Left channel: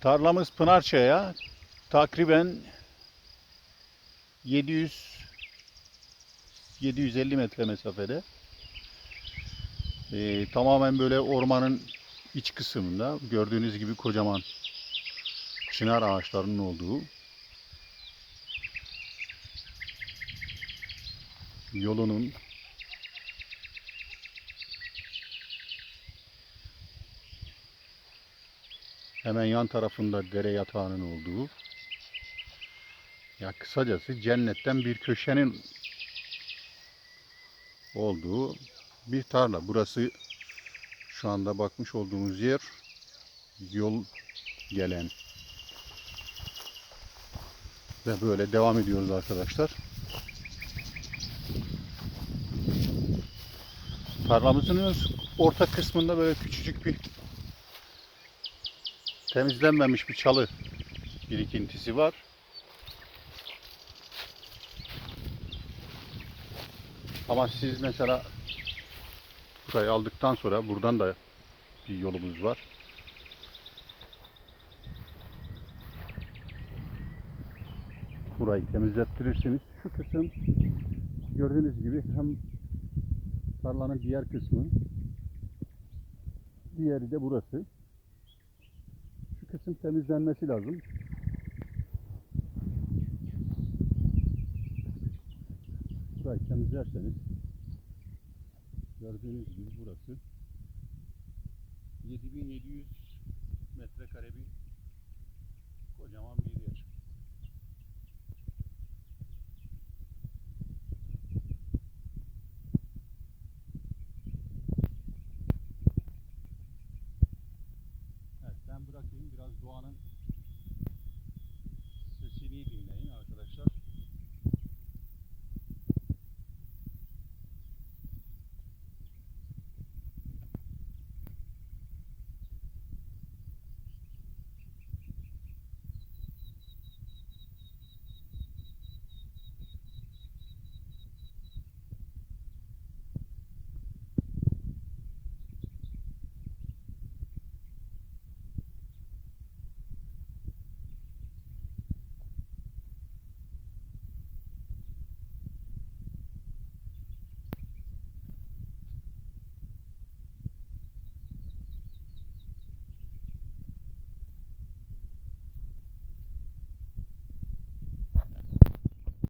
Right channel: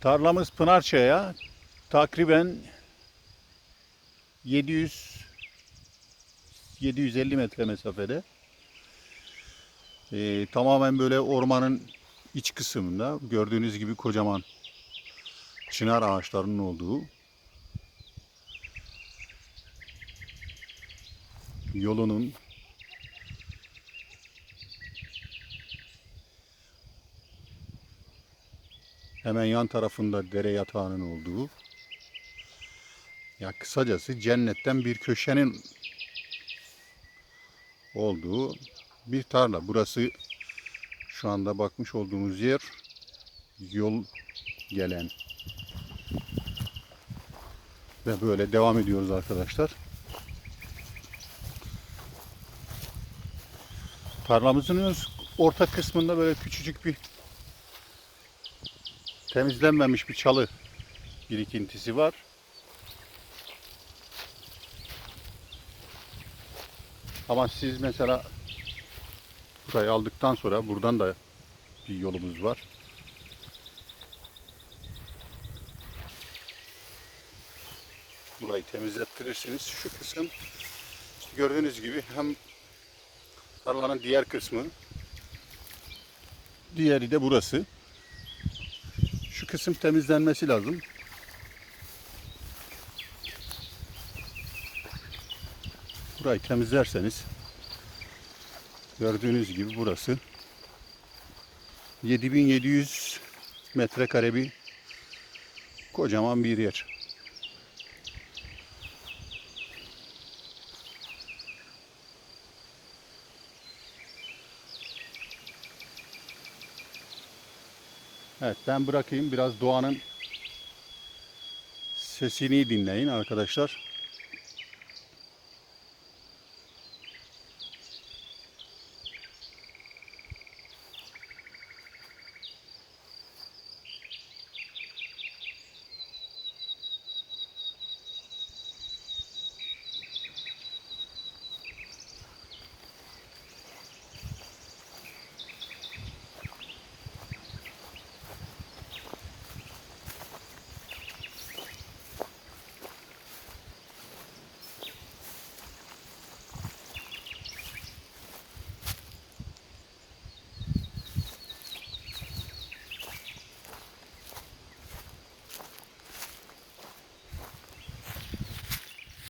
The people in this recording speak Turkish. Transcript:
Tarlamız Pınarçaya takriben 700 750 metre mesafede. Ee, tamamen böyle ormanın iç kısmında gördüğünüz gibi kocaman çınar ağaçlarının olduğu yolunun hemen yan tarafında dere yatağının olduğu ya kısacası cennetten bir köşenin olduğu bir tarla. Burası şu anda bakmış olduğumuz yer yol gelen ve böyle devam ediyoruz arkadaşlar. Tarlamızın orta kısmında böyle küçücük bir temizlenmemiş bir çalı birikintisi var. Ama siz mesela burayı aldıktan sonra buradan da bir yolumuz var. Burayı temizlettirirsiniz. Şu kısım gördüğünüz gibi hem tarlanın diğer kısmı diğeri de burası. Kısım temizlenmesi lazım. Burayı temizlerseniz gördüğünüz gibi burası 7700 metrekare bir kocaman bir yer. Evet ben bırakayım biraz doğanın sesini dinleyin arkadaşlar.